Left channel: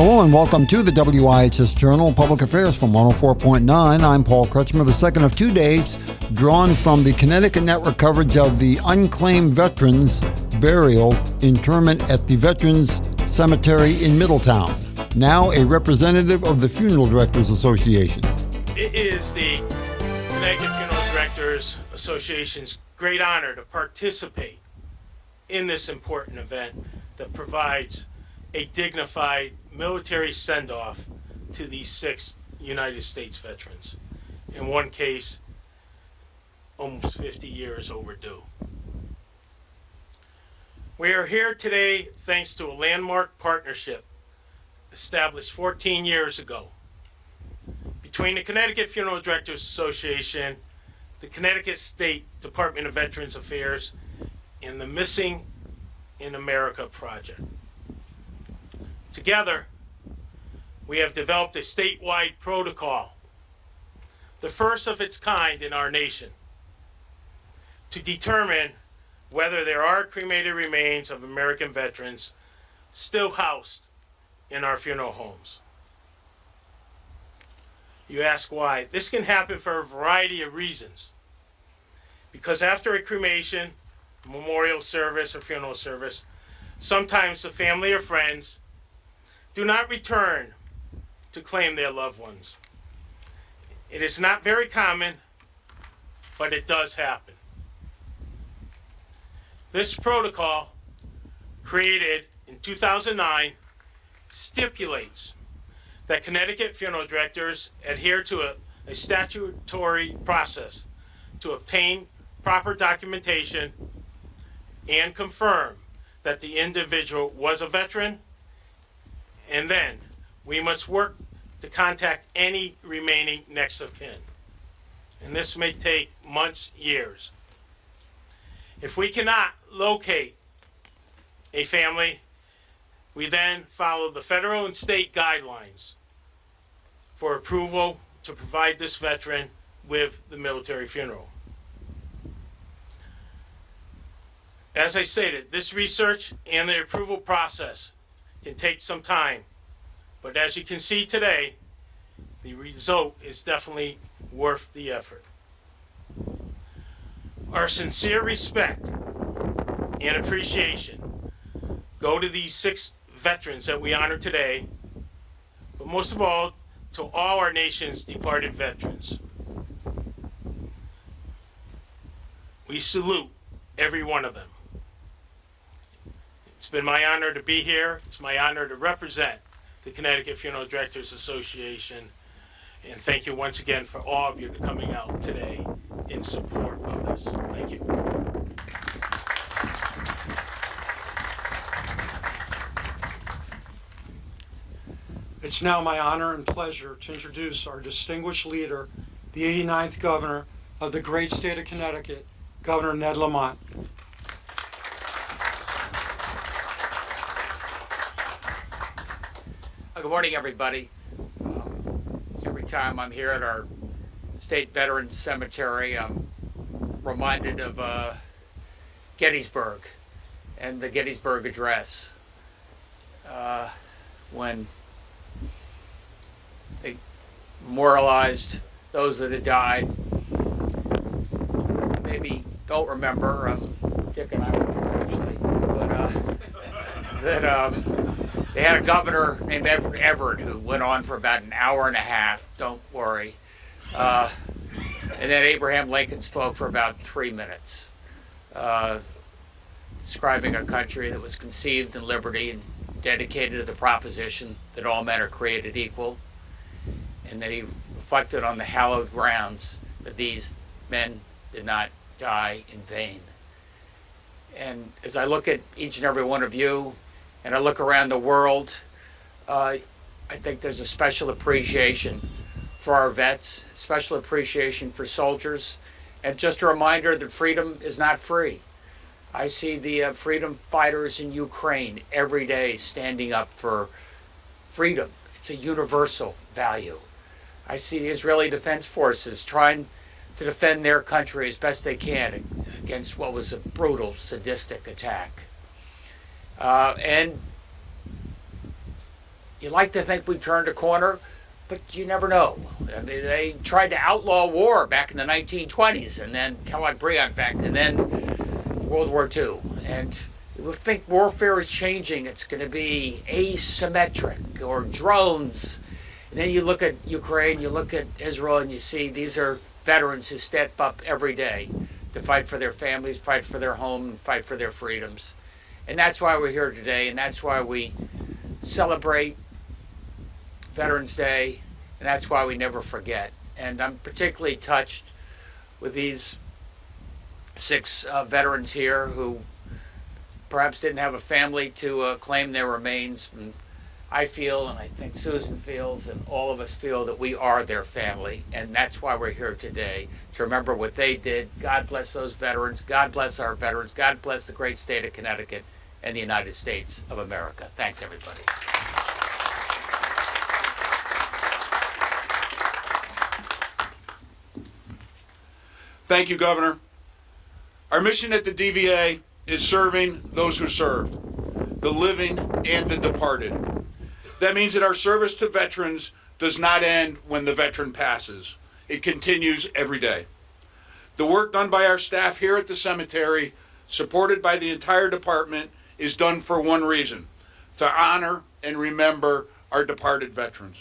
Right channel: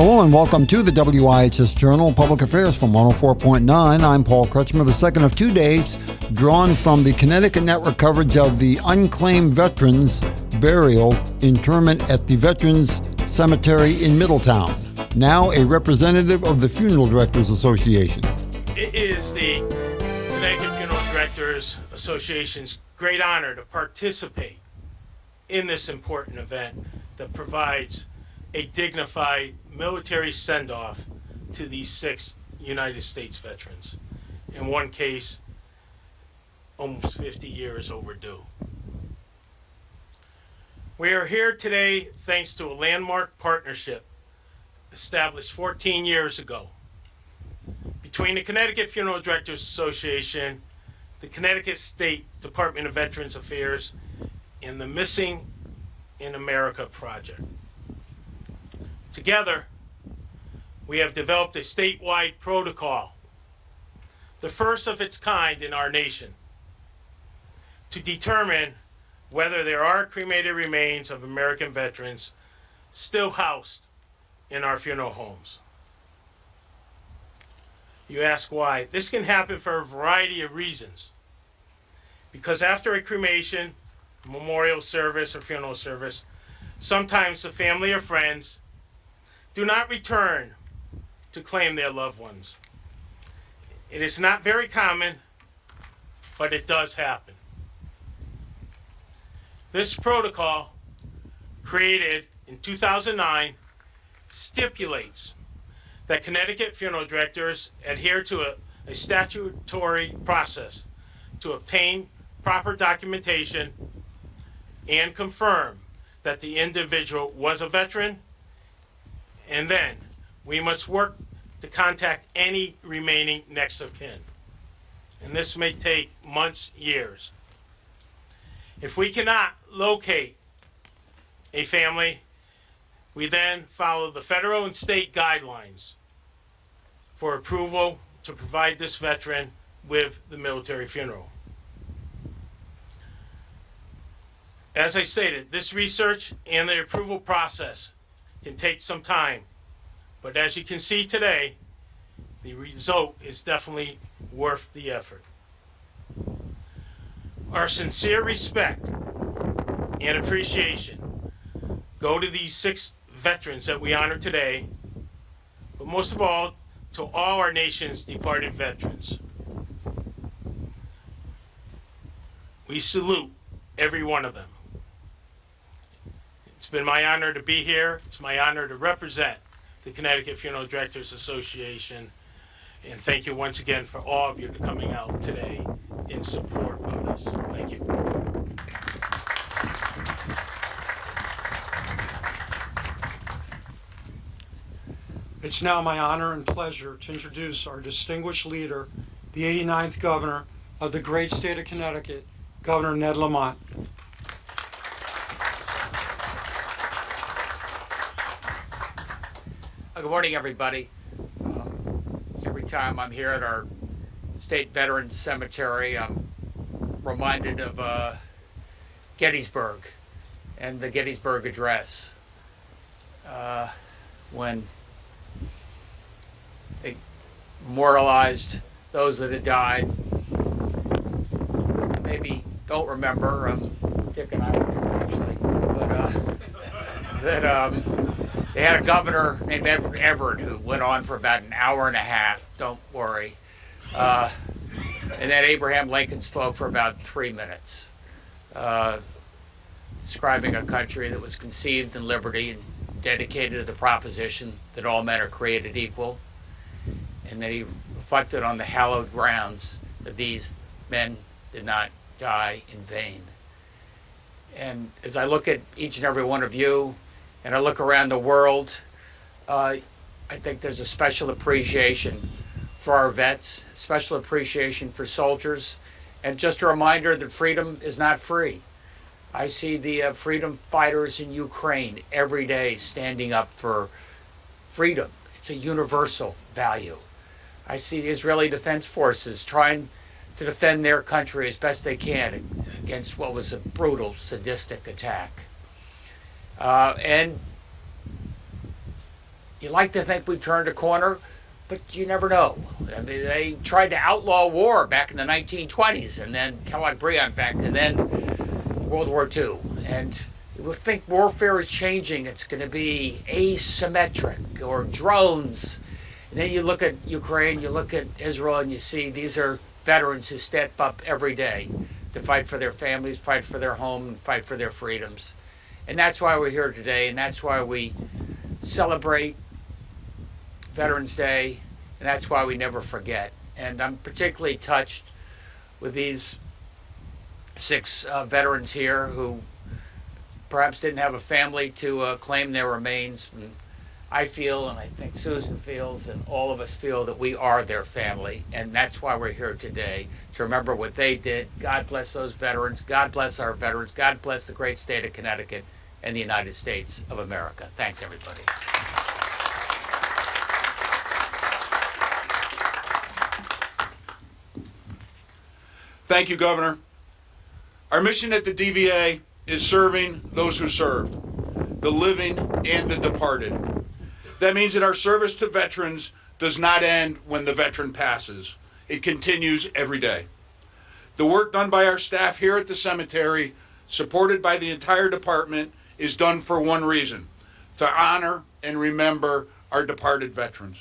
Hello and welcome to the WIHS Journal Public Affairs from 104.9. I'm Paul Kretschmer, the second of 2 days, drawn from the Connecticut Network coverage of the unclaimed veterans burial interment at the Veterans Cemetery in Middletown. Now a representative of the Funeral Directors Association. It is the Connecticut Funeral Directors Association's great honor to participate in this important event that provides a dignified military send-off to these 6 United States veterans. In one case, almost 50 years overdue. We are here today thanks to a landmark partnership established 14 years ago between the Connecticut Funeral Directors Association, the Connecticut State Department of Veterans Affairs, and the Missing in America Project. Together, we have developed a statewide protocol, the first of its kind in our nation, to determine whether there are cremated remains of American veterans still housed in our funeral homes. You ask why? This can happen for a variety of reasons. Because after a cremation, memorial service, or funeral service, sometimes the family or friends do not return to claim their loved ones. It is not very common, but it does happen. This protocol, created in 2009, stipulates that Connecticut funeral directors adhere to a statutory process to obtain proper documentation and confirm that the individual was a veteran, and then we must work to contact any remaining next of kin. And this may take months, years. If we cannot locate a family, we then follow the federal and state guidelines for approval to provide this veteran with the military funeral. As I stated, this research and the approval process can take some time, but as you can see today, the result is definitely worth the effort. Our sincere respect and appreciation go to these 6 veterans that we honor today, but most of all, to all our nation's departed veterans. We salute every one of them. It's been my honor to be here. It's my honor to represent the Connecticut Funeral Directors Association. And thank you once again for all of you coming out today in support of this. Thank you. It's now my honor and pleasure to introduce our distinguished leader, the 89th Governor of the great state of Connecticut, Governor Ned Lamont. Good morning, everybody. Every time I'm here at our State Veterans Cemetery, I'm reminded of Gettysburg and the Gettysburg Address. When they memorialized those that had died. Maybe don't remember, Dick and I remember actually, but they had a governor named Everett who went on for about an hour and a half, don't worry. And then Abraham Lincoln spoke for about 3 minutes, describing a country that was conceived in liberty and dedicated to the proposition that all men are created equal. And then he reflected on the hallowed grounds that these men did not die in vain. And as I look at each and every one of you, and I look around the world, I think there's a special appreciation for our vets, special appreciation for soldiers, and just a reminder that freedom is not free. I see the freedom fighters in Ukraine every day standing up for freedom. It's a universal value. I see the Israeli Defense Forces trying to defend their country as best they can against what was a brutal, sadistic attack. And You like to think we've turned a corner, but you never know. I mean, they tried to outlaw war back in the 1920s, and then Kellogg Briand back, and then World War II. And we think warfare is changing. It's going to be asymmetric, or drones. And then you look at Ukraine, you look at Israel, and you see these are veterans who step up every day to fight for their families, fight for their home, and fight for their freedoms. And that's why we're here today, and that's why we celebrate Veterans Day, and that's why we never forget. And I'm particularly touched with these 6 veterans here who perhaps didn't have a family to claim their remains. And I feel, and I think Susan feels, and all of us feel that we are their family, and that's why we're here today, to remember what they did. God bless those veterans. God bless our veterans. God bless the great state of Connecticut and the United States of America. Thanks, everybody. Thank you, Governor. Our mission at the DVA is serving those who served, the living and the departed. That means that our service to veterans does not end when the veteran passes. It continues every day. The work done by our staff here at the cemetery, supported by the entire department, is done for one reason: to honor and remember our departed veterans.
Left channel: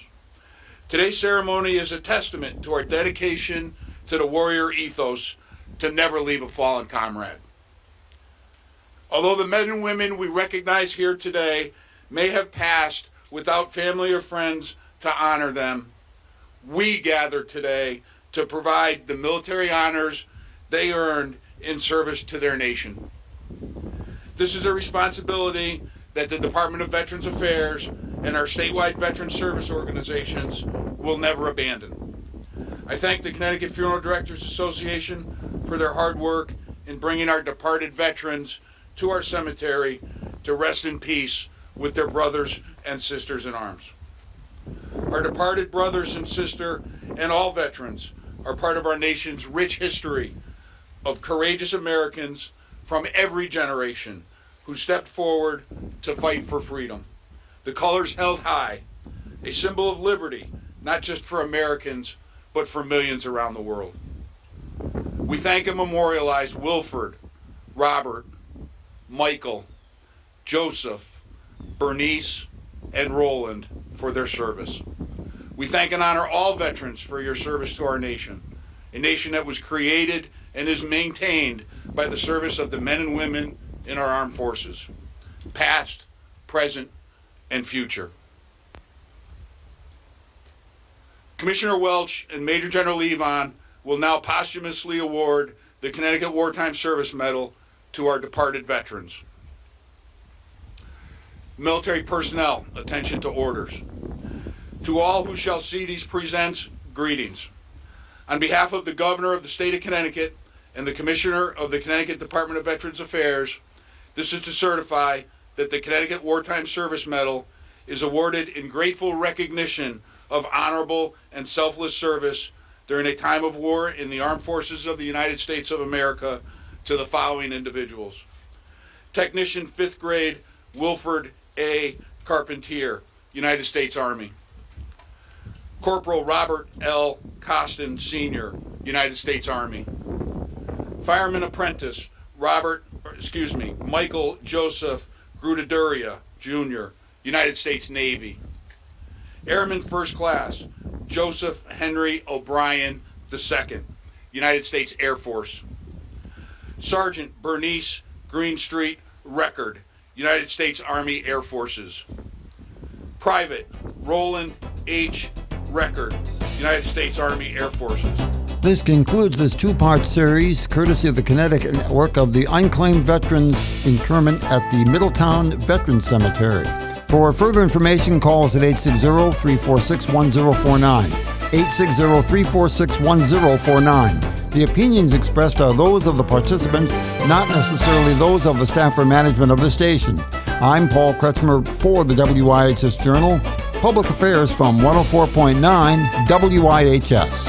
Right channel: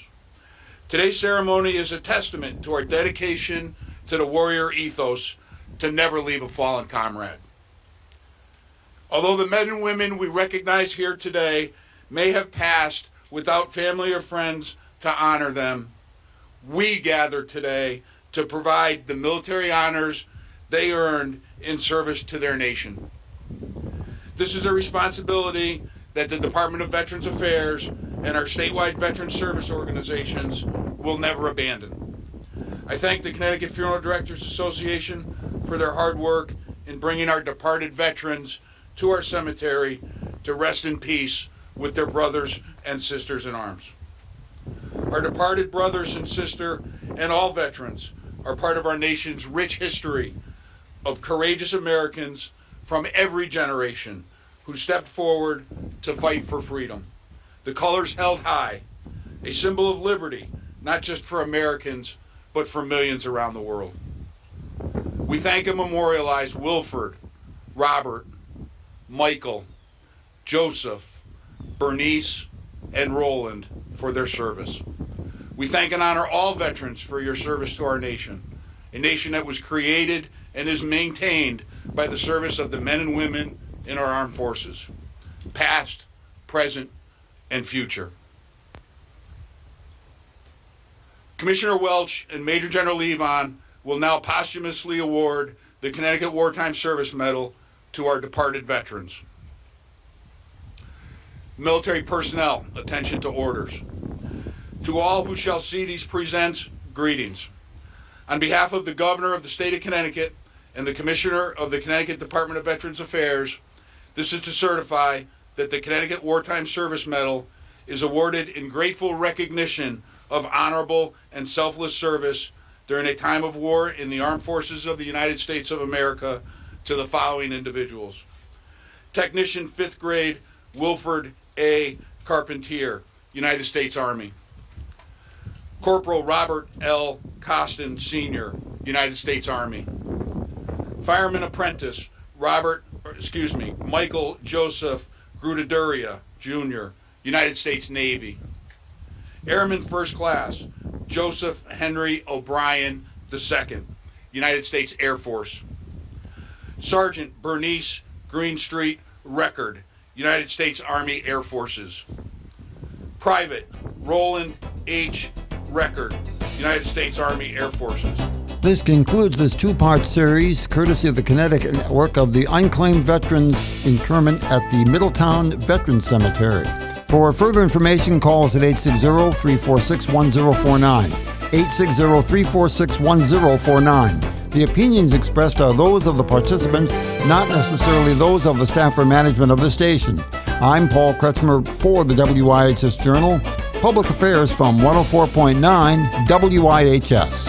Today's ceremony is a testament to our dedication to the warrior ethos to never leave a fallen comrade. Although the men and women we recognize here today may have passed without family or friends to honor them, we gather today to provide the military honors they earned in service to their nation. This is a responsibility that the Department of Veterans Affairs and our statewide veteran service organizations will never abandon. I thank the Connecticut Funeral Directors Association for their hard work in bringing our departed veterans to our cemetery to rest in peace with their brothers and sisters in arms. Our departed brothers and sisters and all veterans are part of our nation's rich history of courageous Americans from every generation who stepped forward to fight for freedom. The colors held high, a symbol of liberty, not just for Americans, but for millions around the world. We thank and memorialize Wilford, Robert, Michael, Joseph, Bernice, and Roland for their service. We thank and honor all veterans for your service to our nation, a nation that was created and is maintained by the service of the men and women in our armed forces, past, present, and future. Commissioner Welch and Major General Levon will now posthumously award the Connecticut Wartime Service Medal to our departed veterans. Military personnel, attention to orders. To all who shall see these presents, greetings. On behalf of the Governor of the State of Connecticut and the Commissioner of the Connecticut Department of Veterans Affairs, this is to certify that the Connecticut Wartime Service Medal is awarded in grateful recognition of honorable and selfless service during a time of war in the armed forces of the United States of America to the following individuals: Technician 5th grade Wilford A. Carpentier, United States Army. Corporal Robert L. Costin, Sr., United States Army. Fireman Apprentice Michael Joseph Grudaduria, Jr., United States Navy. Airman First Class Joseph Henry O'Brien II, United States Air Force. Sergeant Bernice Greenstreet Record, United States Army Air Forces. Private Roland H. Record, United States Army Air Forces. This concludes this two-part series, courtesy of the Connecticut Network, of the Unclaimed Veterans Internment at the Middletown Veterans Cemetery. For further information, call us at 860-346-1049, 860-346-1049. The opinions expressed are those of the participants, not necessarily those of the staff or management of the station. I'm Paul Kretschmer for the WIHS Journal, Public Affairs from 104.9 WIHS.